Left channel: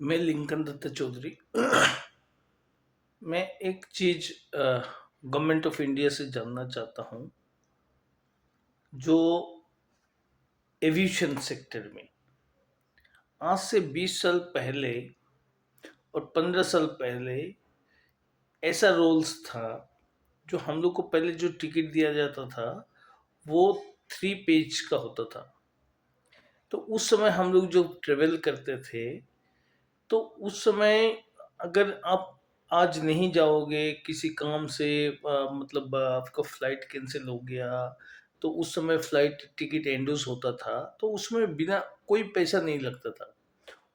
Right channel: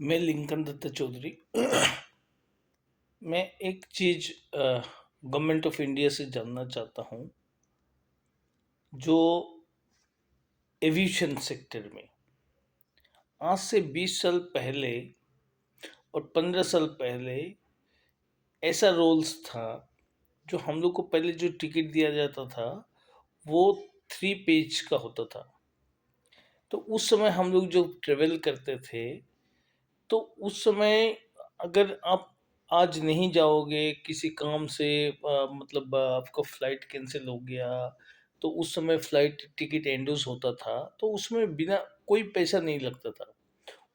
मैं लिंकन दत्त चौधरी। मैं एक चीज गवर्नमेंट ऑफ इंडिया से जानना चाहता हूँ, जो एविएशन सेक्टर में आज से 20 साल पहले और 15 साल पहले ऐसा रोल्स था, जो हम लोग को पहले जो टिकट दिया जाता था वो 3 पेज का होता था। तो उस समय हम लोग जब ट्रेवल करते थे, तो उस समय अगर आप आज नहीं जाओगे किसी काम से, मतलब आपका फ्लाइट कैंसिल हो गया, तो उस समय फ्लाइट टिकट इंड्यूस होता था, तो उसमें बिना कोई पैसा नहीं लगता था,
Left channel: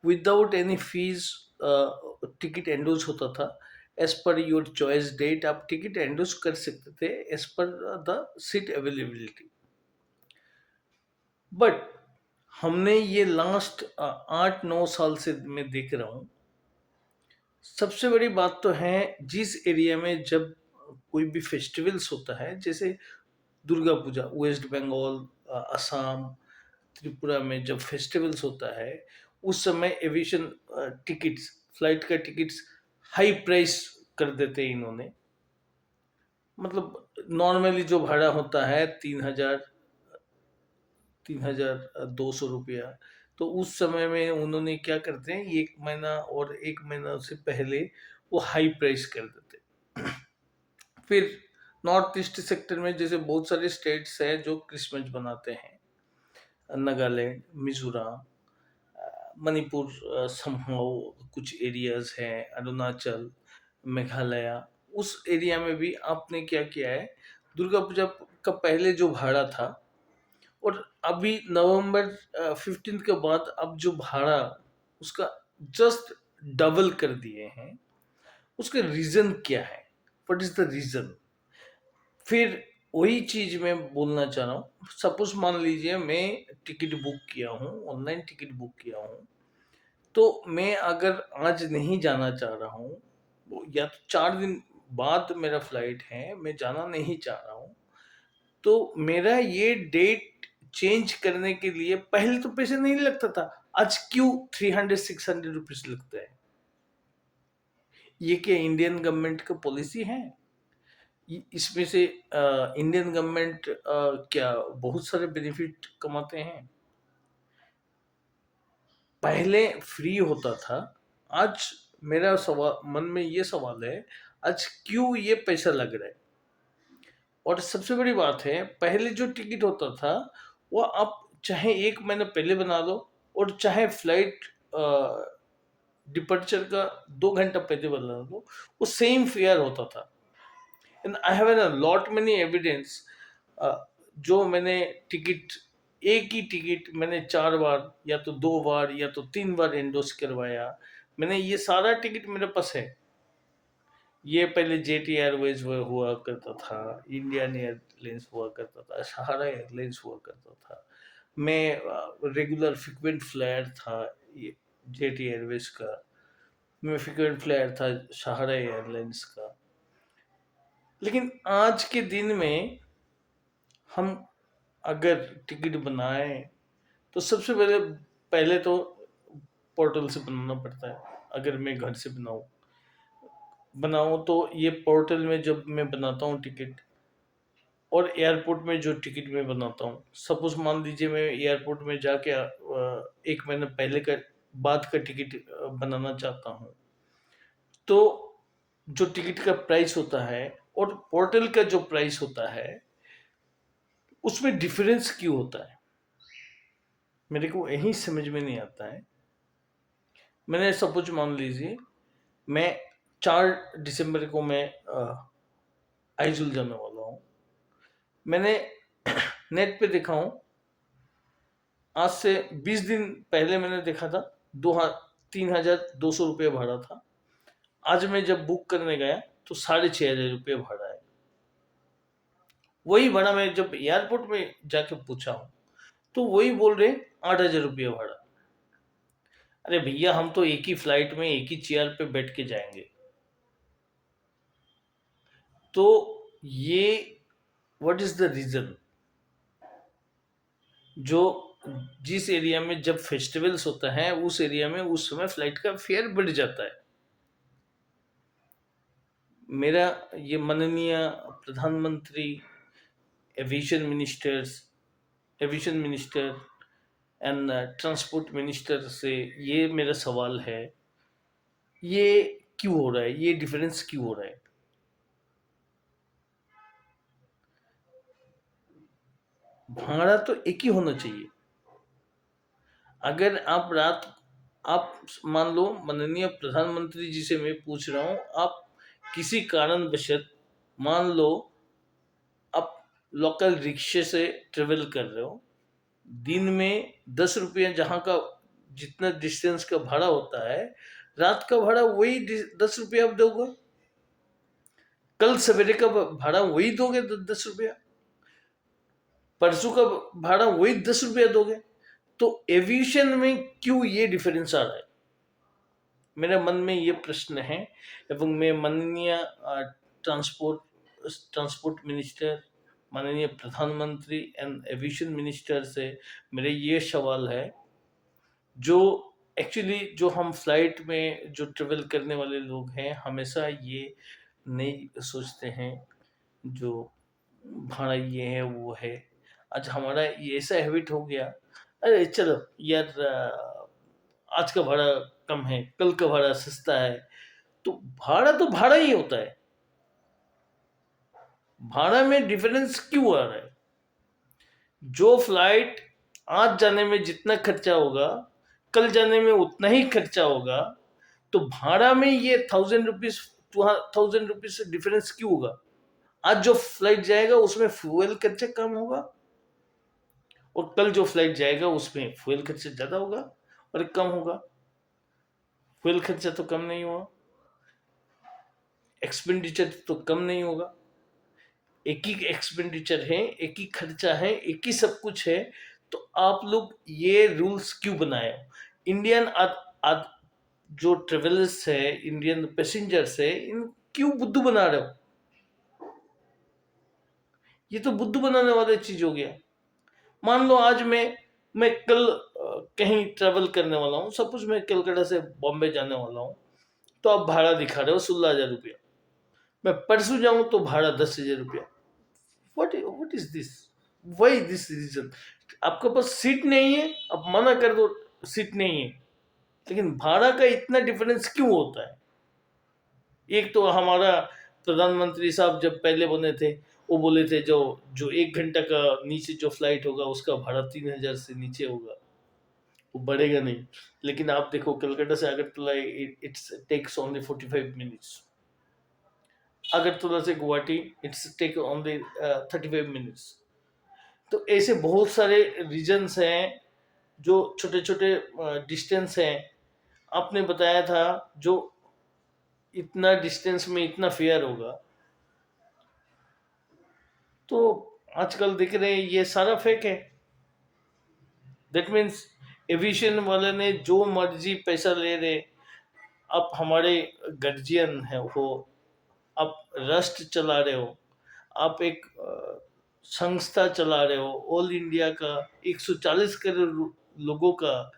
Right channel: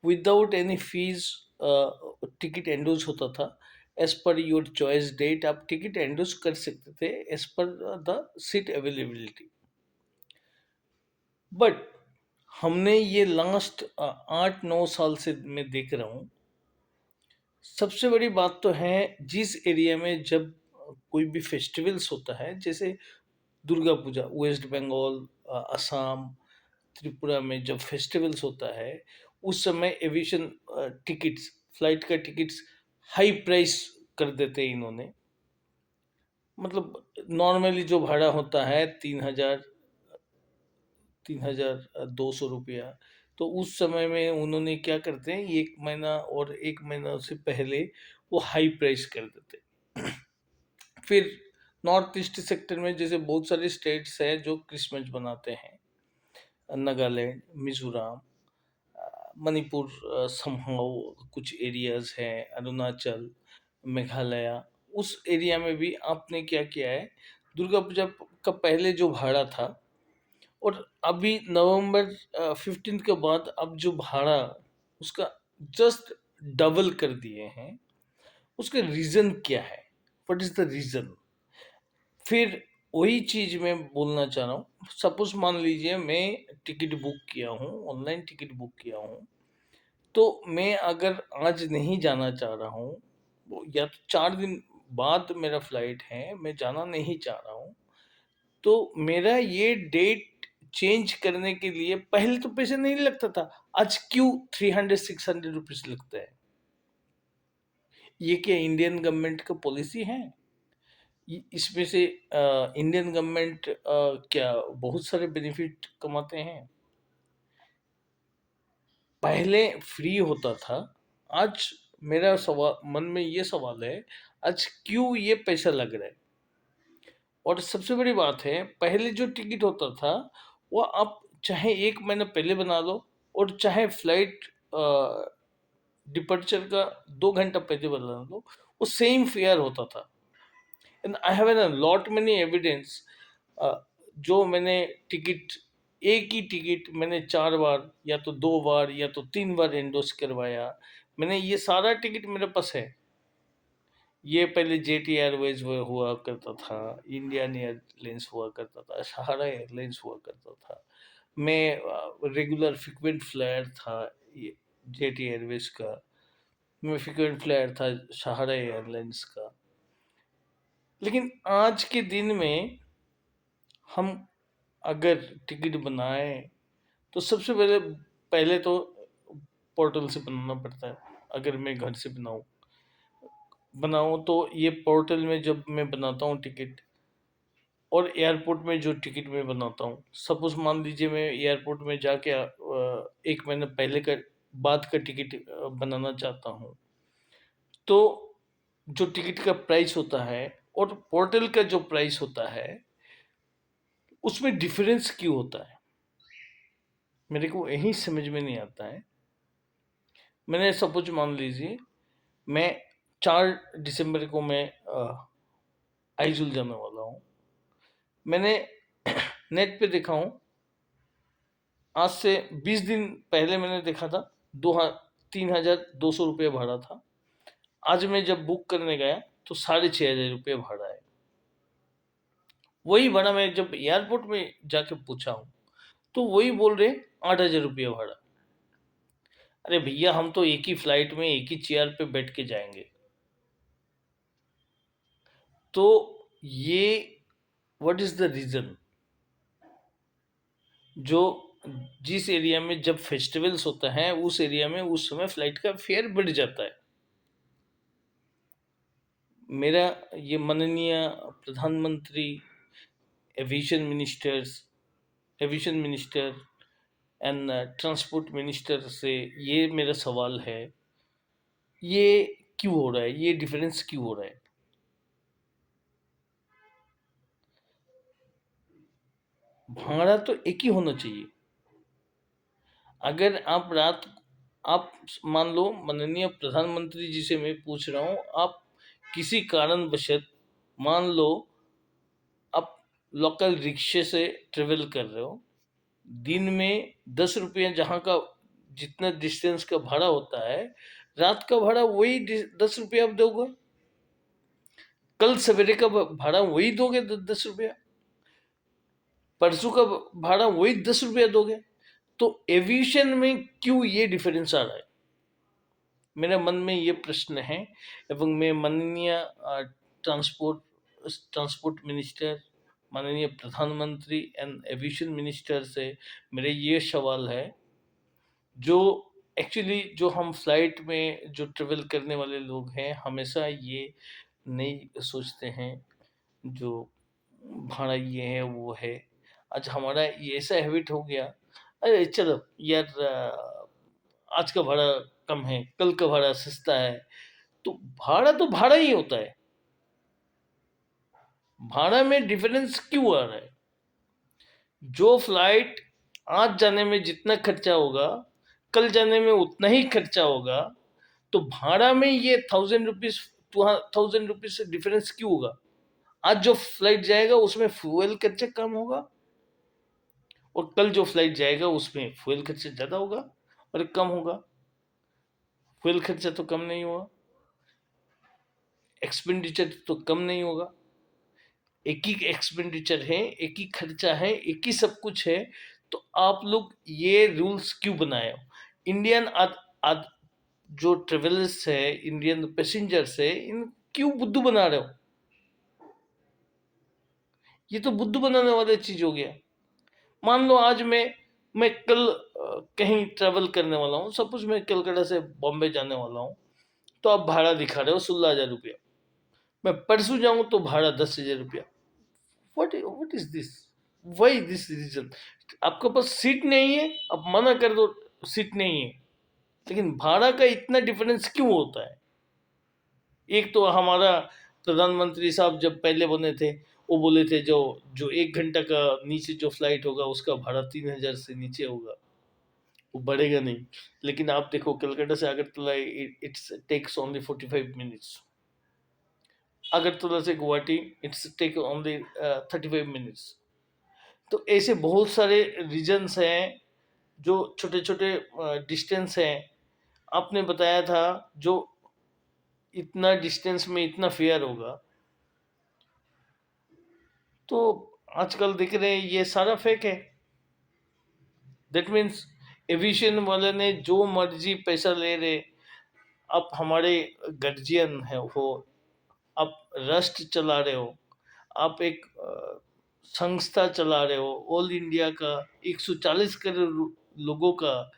without any fees ticket induce होता था। एज पर योर चॉइस डेट आप टिकट इंड्यूस कर सकते थे, as per the seat availability. But हमने ये लास्ट 8-9 साल से मैं देख रहा हूँ, सबसे बड़ी बात तो है, जिस एरिया में जब कोई भी फेस्टिवल्स होता है, जैसे दुर्गा पूजा, वेस्ट बंगाल, असम, त्रिपुरा में जब फेस्टिवल्स होता है, उस समय एविएशन टिकट्स, फ्लाइट का टिकट्स हाई प्राइस कर देते हैं इन्होंने। मतलब नॉर्मली जो भाड़ा होता है 3,200 रुपया, तो उस समय में उन्होंने क्या करते हैं, 1 महीना और 1 महीना से पहले वो हाई प्राइस कर देते हैं। फिर नॉर्थ ईस्ट सेक्टर में जैसे बहुत सारे स्टेट्स हैं जो क्रिसमस बनाते हैं, नागालैंड, मिजोरम, मणिपुर, समहाउ कुछ एरियाज हैं, अरुणाचल, मेघालय, उस एरिया में भी आपने क्या किया है, दुर्गा पूजा का पहले जो भाड़ा था और अभी नवंबर 15 के बाद अब जो भाड़ा उसका जस्ट डबल कर दिए हैं। उसके रीजन क्या है? What is the reason? फिर वही चीज मैं बोलना चाह रहा हूँ। सपोज मान लीजिए मैं टिकट बुक किया हूँ, ऑनलाइन टिकट बुक किया हूँ, तो मैं अगर आज नहीं जाना चाह रहा हूँ, या तो 4 दिन बाद मेरा फ्लाइट है, मैं जाना नहीं चाह रहा हूँ, तो मेरा ये डेट चेंज करने के लिए पहले तो पैसे नहीं लगता था, आज क्यों 300-600 रुपीज लगता है? ये क्या इंडियन गवर्नमेंट का पॉलिसी है? इसमें से इंडियन गवर्नमेंट क्या बहुत सारे बेनिफिट कमाते हैं? पहले फ्री होता था, आज मेरा सवाल मन में ये सवाल है, आज क्यों ये पैसा लग रहा है? और सबसे बड़ी बात है, पहले जो टिकट होता था वो आप चाहे 1 महीना पहले बना लो और चाहे फ्लाइट डिपर्चर का 2 घंटा पहले बना लो, वो सेम फेयर होता था। And I have an lot many evidence, जो मैंने टिकट, एक ही टिकट मैंने 4 बार या तो 2 बार या तो 3 बार एंडोस करवाया। मैंने ये सारा टिकट मेरे पास है। ये पहले जेट एयरवेज हुआ करता था, इंडियन एयरलाइंस हुआ करता था, सहारा एयरलाइंस हुआ करता था। मैं रेगुलर फ्रिक्वेंट फ्लायर था ये जेट एयरवेज का। मैं फ्रिक्वेंट फ्लायर था सहारा एयरलाइंस का। लेकिन आज के दिन में हम अगर टिकट बनाए, तो सबसे पहले पहले तो पोर्टल से बनाना पड़ता है। अगर मैं घर से बनाऊं तो ये पोर्टल में जब मैं बनाता हूँ टिकट, और एयरपोर्ट में जो टिकट मैं बनाता हूँ, सपोज मान लीजिए मैं एयरपोर्ट में जाके 1 महीना पहले का बाद का टिकट बनाना चाहता हूँ, तो जो टिकट का प्राइस होता है और पोर्टल का जो प्राइस होता है, उसमें डिफरेंस क्यों होता है? मेरे को यही समझ में नहीं आता है। मैंने सपोज मान लीजिए मैं 4 दिसंबर को मैं आइजल जाने वाला हूँ। मैंने नेट पे देखा हूँ, आज से 20 दिन पहले मैंने देखा था 3,200 रुपये भाड़ा था। आज मैं जब बुक करने गया तो 6,500 रुपये भाड़ा है। वही भाड़ा मैं जब एयरपोर्ट में जाके पूछा हूँ, तो वही बोल रहे 8,000 रुपये भाड़ा। अरे भैया, हम तो एक ही फ्लाइट में एक ही चेयर पे बैठ के जाएंगे। तो ये व्हाट इज द रीजन? जो जिस एरिया में जब फेस्टिवल्स होता है उस एरिया में उस समय फ्लाइट का फेयर बढ़ जाता है। मेरा ये माननीय प्रधानमंत्री, aviation ministers aviation minister and transport minister से ये मेरा सवाल है, ये क्यों हो रहा है, ये डिफरेंस क्यों हो रहा है? भाड़ा तो एक ही होना चाहिए। अगर आप मान लो, माननीय प्रधानमंत्री जी से मैं पूछ रहा हूँ, आप किसी कारणवशत मान लो आप लोकल रिक्शे से ट्रेवल कर रहे हो, दिन में 10 रुपये जहाँ का जितना डिस्टेंस का भाड़ा होता है, रात का भाड़ा वही 10 रुपये आप दोगे, कल सवेरे का भाड़ा वही दोगे 10 रुपया, परसों का भाड़ा वही 10 रुपया दोगे। तो एविएशन में क्यों ये डिफरेंस आ रहा है? मेरे मन में ये प्रश्न है, एवं मैं माननीय ट्रांसपोर्ट ट्रांसपोर्ट मिनिस्टर, माननीय प्रधानमंत्री एंड एविएशन मिनिस्टर से मेरे ये सवाल है, जो एक्चुअली जो हम फ्लाइट में जो ट्रेवल करने वाले लोग हैं, हमेशा ये नहीं सोचते हैं जो भाड़ा ये है वो है। आज हमारा ये ऐसा हैबिट हो गया, अरे चलो यार, आज का भाड़ा कम है, कल का भाड़ा सस्ता है। तो भाड़ा तो भाड़ा ही होता है, भाड़ा में डिफरेंस क्यों आ रहा है? जो फ्लाइट आज जाने में जितना खर्चा होगा, कल जाने में उतना ही खर्चा होगा, तो भाड़ा में ये 1000 रुपीज 1000 रुपीज से डिफरेंस क्यों होगा? आज जो फ्लाइट जाएगा उसमें फ्यूल खर्चा कम होगा, और कल जो फ्लाइट जाएगा उसमें फ्यूल खर्चा ज्यादा होगा और कम होगा। फ्यूल खर्चा तो कम नहीं हुआ, एक्सपेंडिचर तो कम नहीं होगा। एक ही एक्सपेंडिचर है, एक ही खर्चा है, एक ही सब कुछ है। तो आप लोग ये रूल्स क्यों बनाए हो? इंडियन आद, आद, जो ट्रेवलर्स है, इंडियन पैसेंजर्स है, इन क्यों बुद्धू बना रहे हो? ये तो बुद्धू बनाने वाली चीज हो गया। मान लो आज मैं कल कहीं ट्रेवल करने वाला हूँ, सपोज मैं कलकत्ता से बॉम्बे जाने वाला हूँ, तो आप भाड़ा दिखा रहे हो 16,000 रुपया। मैं परसों जाऊँ तो भाड़ा 10,000 रुपया। What is this? Why this reason? आपके पास सीट नहीं है, आप मना कर दो सीट नहीं है, लेकिन भाड़ा का इतना डिफरेंस क्यों होता है? एक तो हमारा प्रधानमंत्री साहब जब पहले बने थे, वो बोले थे जो जो 1 घंटा का नीचे जो फ्लाइट होगा उसका भाड़ा 3,000 से नीचे होगा, वो बढ़ेगा नहीं। लेकिन आप देखो कलकत्ता से Agartala, it's takes only 45 minutes. Agartala से Guwahati it's take only 35 minutes. तो ऐसे बहुत सारे रीजन्स हैं, जो छोटे छोटे डिस्टेंस हैं। आपने बताया था जो इतना डिस्टेंस में इतना फेयर होगा, तो आजकल देख रहे हैं ये सारा फेक है। दैट मीन्स एविएशन वाले ने जो मर्जी पैसा ले रहे। आप हमारे गर्जियन है हो, आप राष्ट्र चला रहे हो, आप एक संस्था चला रहे हो, ऑल इंडिया का 140 करोड़ लोगों का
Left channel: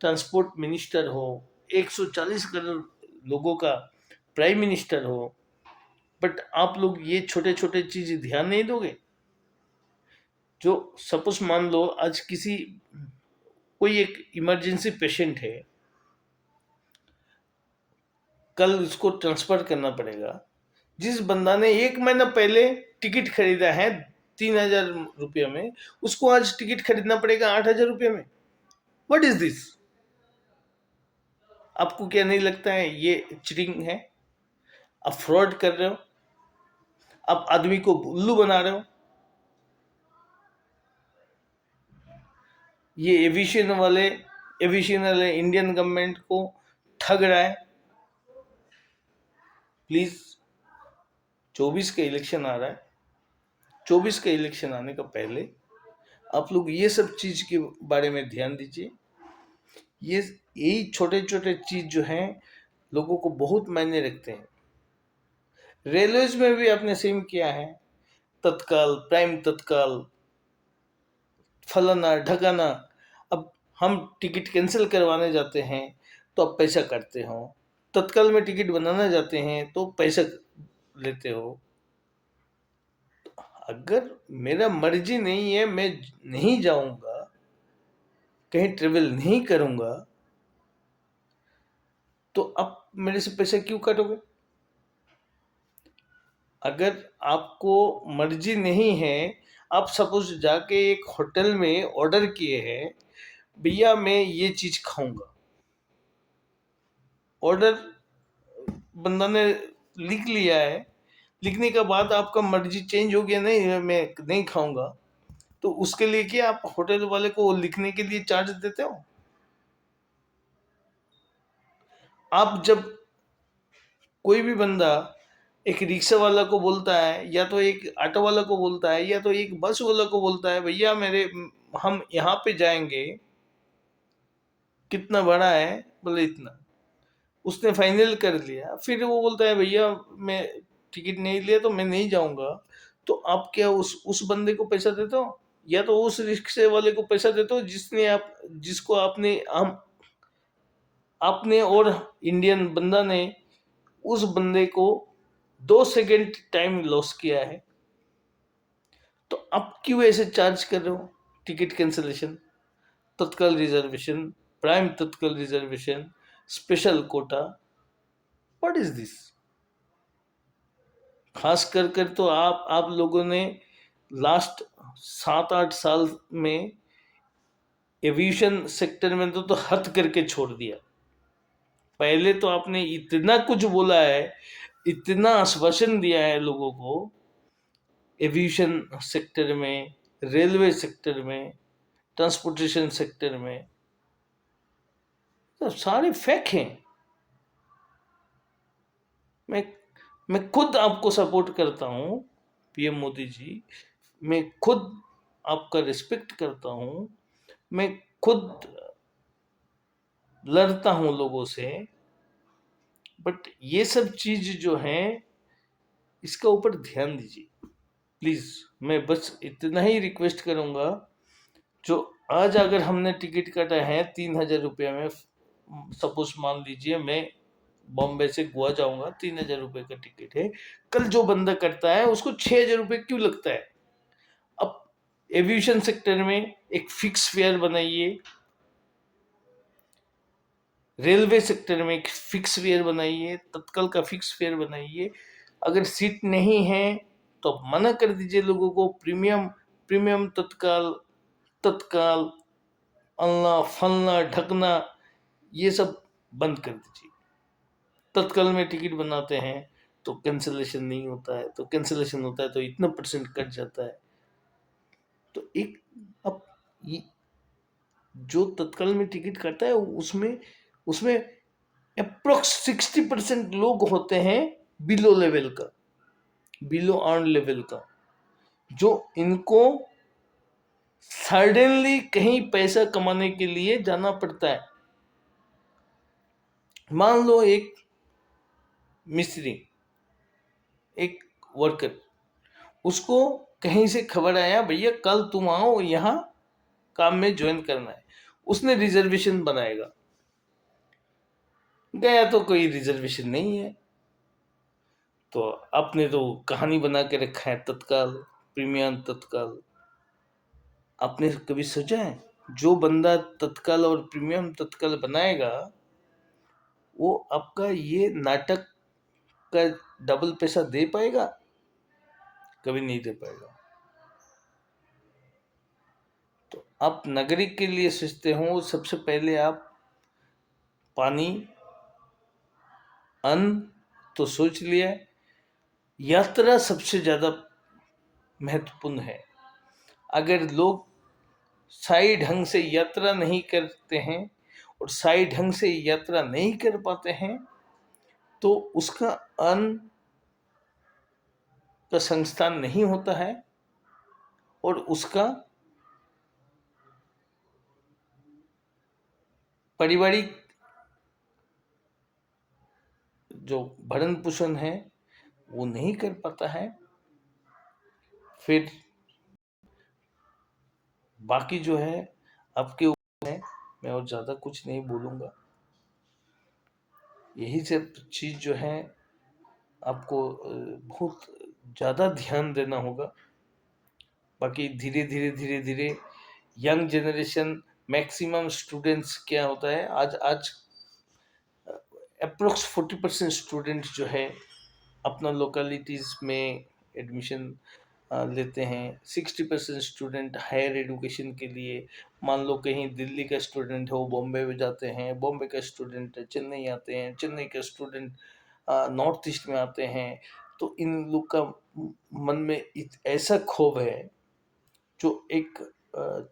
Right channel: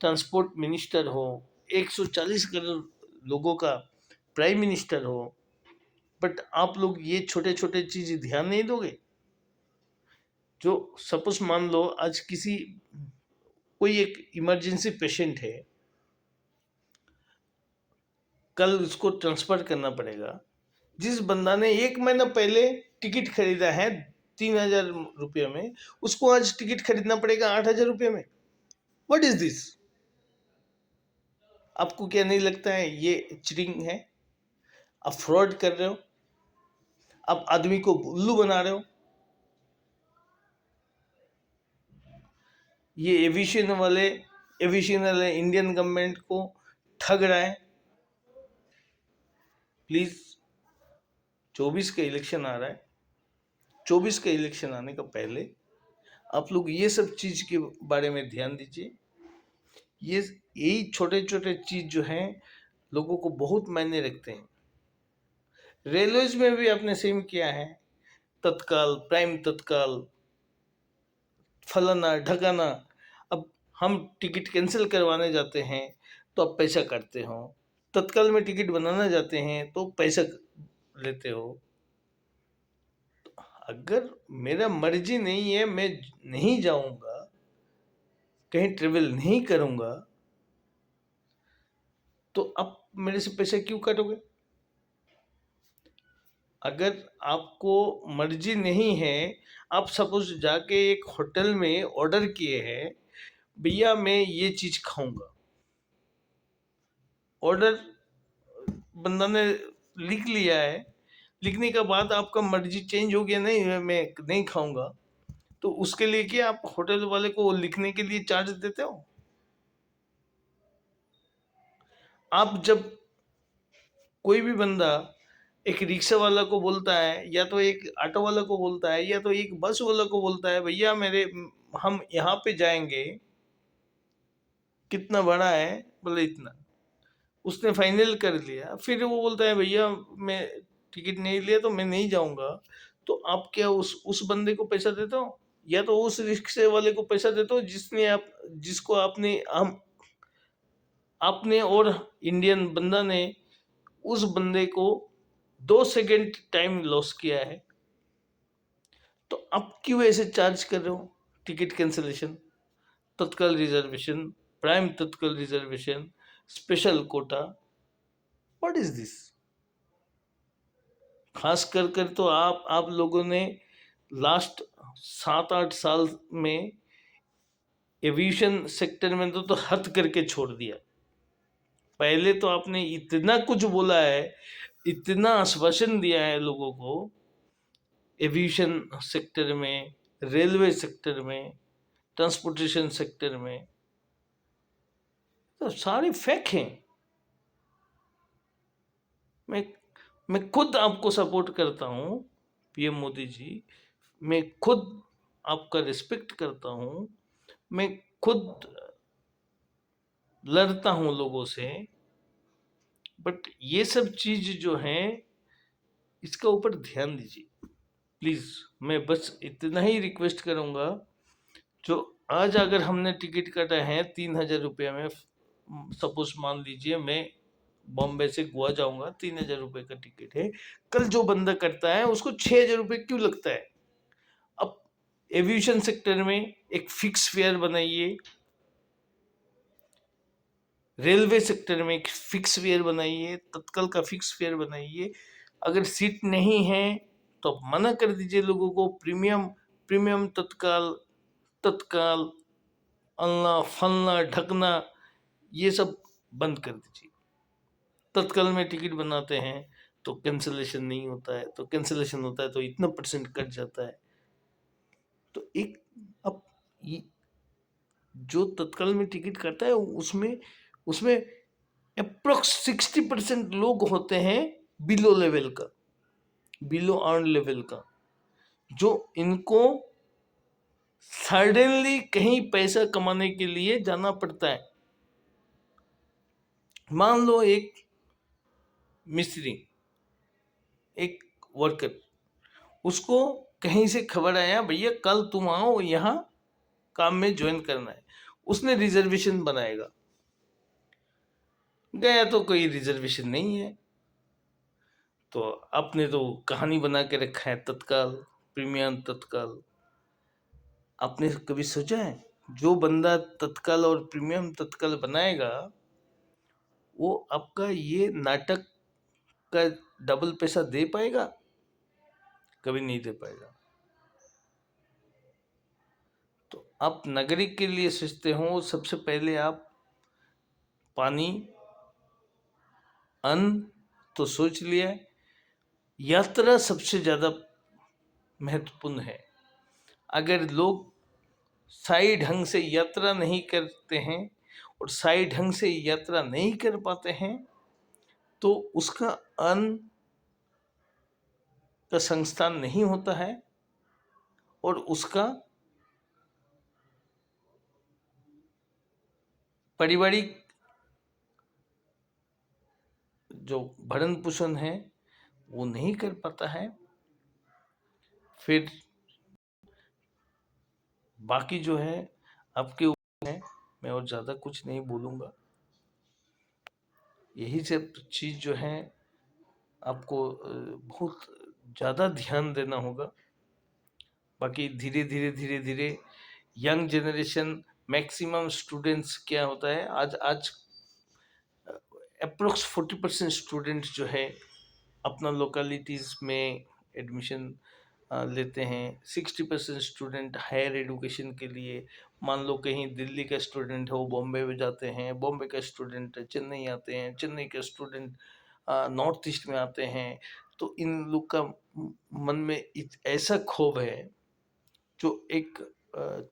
ट्रांसपोर्ट मिनिस्टर हो, 140 करोड़ लोगों का प्राइम मिनिस्टर हो, बट आप लोग ये छोटे छोटे चीज ध्यान नहीं दोगे? जो सपोज मान लो आज कोई एक इमरजेंसी पेशेंट है, कल उसको ट्रांसफर करना पड़ेगा। जिस बंदा ने 1 महीना पहले टिकट खरीदा है 3,000 रुपये में, उसको आज टिकट खरीदना पड़ेगा 8,000 रुपये में। What is this? आपको क्या नहीं लगता है ये चीटिंग है? आप फ्रॉड कर रहे हो, आप आदमी को उल्लू बना रहे हो। ये एविएशन वाले इंडियन गवर्नमेंट को ठग रहा है। प्लीज, 24 का इलेक्शन आ रहा है, 24 का इलेक्शन आने का पहले आप लोग ये सब चीज के बारे में ध्यान दीजिए। ये यही छोटे छोटे चीज जो हैं लोगों को बहुत मायने रखते हैं। रेलवेज में भी आपने सेम किया है, तत्काल, प्राइम तत्काल, फलाना ढकाना, हम टिकट कैंसिल करवाने जाते हैं तो आप पैसा काटते हो, तत्काल में टिकट बनाना जाते हैं तो पैसा लेते हो। अगर मेरा मर्जी नहीं है, मैं नहीं जाऊंगा, कहीं ट्रेवल नहीं करूंगा, तो आप मेरे से पैसा क्यों काटोगे? अगर आपको मर्जी नहीं है, आप सपोज जाके एक होटल में ऑर्डर किए हैं, भैया मैं ये चीज खाऊंगा, ऑर्डर बंदा ने लिख लिया है, लिखने के बाद आपका मर्जी चेंज हो गया, नहीं मैं नहीं खाऊंगा, तो उसके लिए क्या आप होटल वाले को लिखने के लिए चार्ज देते हो? आप जब कोई भी बंदा एक रिक्शा वाला को बोलता है, या तो एक ऑटो वाला को बोलता है, या तो एक बस वाला को बोलता है, भैया मेरे हम यहाँ पे जाएंगे, कितना बड़ा है, बोले इतना, उसने फाइनल कर लिया, फिर वो बोलता है भैया मैं टिकट नहीं लिया तो मैं नहीं जाऊंगा, तो आप क्या उस बंदे को पैसा देते हो, या तो उस रिक्शे वाले को पैसा देते हो जिसने आप जिसको आपने और इंडियन बंदा ने उस बंदे को 2 सेकंड टाइम लॉस किया है, तो आप क्यों ऐसे चार्ज कर रहे हो? टिकट कैंसिलेशन, तत्काल रिजर्वेशन, प्राइम तत्काल reservation, special Kota, what is this? खास कर तो आप लोगों ने लास्ट 7-8 साल में एविएशन सेक्टर में तो हद करके छोड़ दिया। पहले तो आपने इतना कुछ बोला है, इतना आश्वासन दिया है लोगों को, एविएशन सेक्टर में, रेलवे सेक्टर में, ट्रांसपोर्टेशन सेक्टर में, तो सारे फेक हैं। मैं मैं खुद आपको सपोर्ट करता हूँ पीएम मोदी जी, मैं खुद आपका रिस्पेक्ट करता हूँ, मैं खुद लड़ता हूँ लोगों से, बट ये सब चीज जो है इसका ऊपर ध्यान दीजिए प्लीज। मैं बस इतना ही रिक्वेस्ट करूंगा, जो आज अगर हमने टिकट काटा है 3,000 रुपये में, सपोज मान लीजिए मैं बॉम्बे से गोवा जाऊंगा, 3,000 रुपये का टिकट है, कल जो बंदा करता है उसको 6,000 रुपये क्यों लगता है? अब एविएशन सेक्टर में एक फिक्स फेयर बनाइए, रेलवे सेक्टर में एक फिक्स फेयर बनाइए, तत्काल का फिक्स फेयर बनाइए। अगर सीट नहीं है तो आप मना कर दीजिए लोगों को, प्रीमियम प्रीमियम तत्काल, तत्काल अल्लाह फलना ढकना, ये सब बंद कर दीजिए। तत्काल में टिकट बनाते हैं तो कैंसिलेशन नहीं होता है, तो कैंसिलेशन होता है तो इतना परसेंट कट जाता है। तो एक अब जो तत्काल में टिकट काटता है उसमें उसमें अप्रोक्स 60% लोग होते हैं बिलो लेवल का, बिलो अर्न लेवल का, जो इनको सडनली कहीं पैसा कमाने के लिए जाना पड़ता है। मान लो एक मिस्त्री, एक वर्कर, उसको कहीं से खबर आया भैया कल तुम आओ यहाँ काम में ज्वाइन करना है, उसने रिजर्वेशन बनाएगा, गया तो कोई रिजर्वेशन नहीं है, तो आपने तो कहानी बना के रखा है तत्काल, प्रीमियम तत्काल। आपने कभी सोचा है जो बंदा तत्काल और प्रीमियम तत्काल बनाएगा वो आपका ये नाटक का डबल पैसा दे पाएगा? कभी नहीं दे पाएगा। तो आप नागरिक के लिए सोचते हो, सबसे पहले आप पानी, अन्न तो सोच लिया, यात्रा सबसे ज्यादा महत्वपूर्ण है। अगर लोग सही ढंग से यात्रा नहीं करते हैं और सही ढंग से यात्रा नहीं कर पाते हैं, तो उसका अन्न का संस्थान नहीं होता है और उसका पारिवारिक जो भरण पोषण है वो नहीं कर पाता है। फिर बाकी जो है आपके ऊपर है। मैं और ज़्यादा कुछ नहीं बोलूँगा। यही सब चीज़ जो है आपको बहुत ज़्यादा ध्यान देना होगा। बाकी धीरे धीरे धीरे धीरे यंग जनरेशन, मैक्सिमम स्टूडेंट्स क्या होता है, आज आज अप्रोक्स 40% स्टूडेंट जो है अपना लोकेलिटीज़ में एडमिशन लेते हैं। 60% स्टूडेंट हायर एजुकेशन के लिए, मान लो कहीं दिल्ली का स्टूडेंट है वो बॉम्बे में जाते हैं, बॉम्बे का स्टूडेंट चेन्नई आते हैं, चेन्नई का स्टूडेंट नॉर्थ ईस्ट में आते हैं। तो इन लोग का मन में ऐसा क्षोभ है। जो एक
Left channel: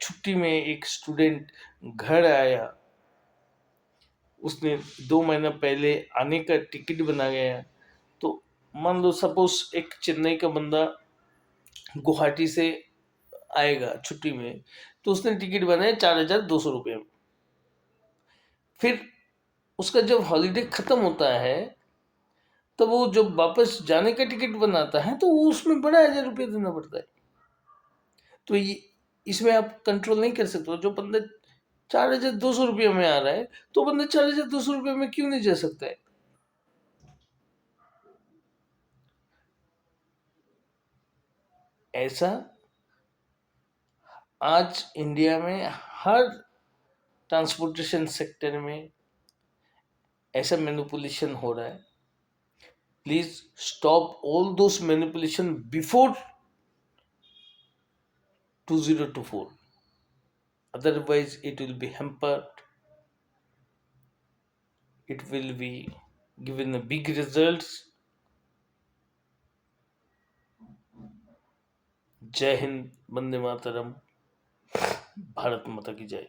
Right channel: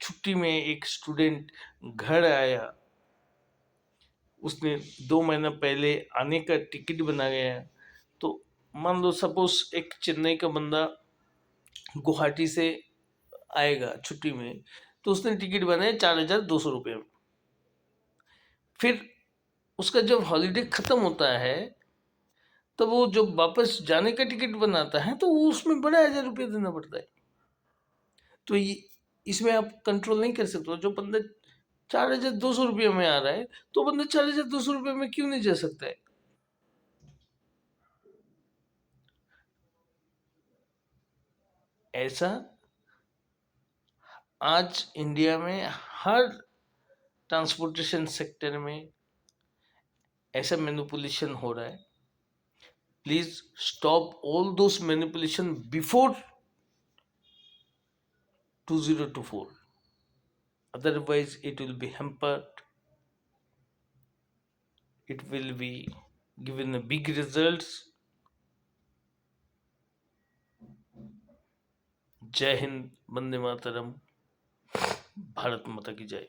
छुट्टी में एक स्टूडेंट घर आया, उसने 2 महीना पहले आने का टिकट बना गया। तो मान लो सपोज एक चेन्नई का बंदा गुवाहाटी से आएगा छुट्टी में, तो उसने टिकट बनाया 4,200 रुपये में। फिर उसका जब हॉलीडे खत्म होता है, तब वो जब वापस जाने का टिकट बनाता है, तो वो उसमें बड़ा 1,000 रुपये देना पड़ता है। तो ये इसमें आप कंट्रोल नहीं कर सकते हो। जो बंदा 4,200 रुपये में आ रहा है, तो बंदा 4,200 रुपये में क्यों नहीं जा सकता है? ऐसा आज इंडिया में हर ट्रांसपोर्टेशन सेक्टर में ऐसा मैनिपुलेशन हो रहा है। Please stop all those manipulation before 2024, otherwise it will be hampered, it will be given a big results. जय हिंद, वंदे मातरम, भारत माता की जय।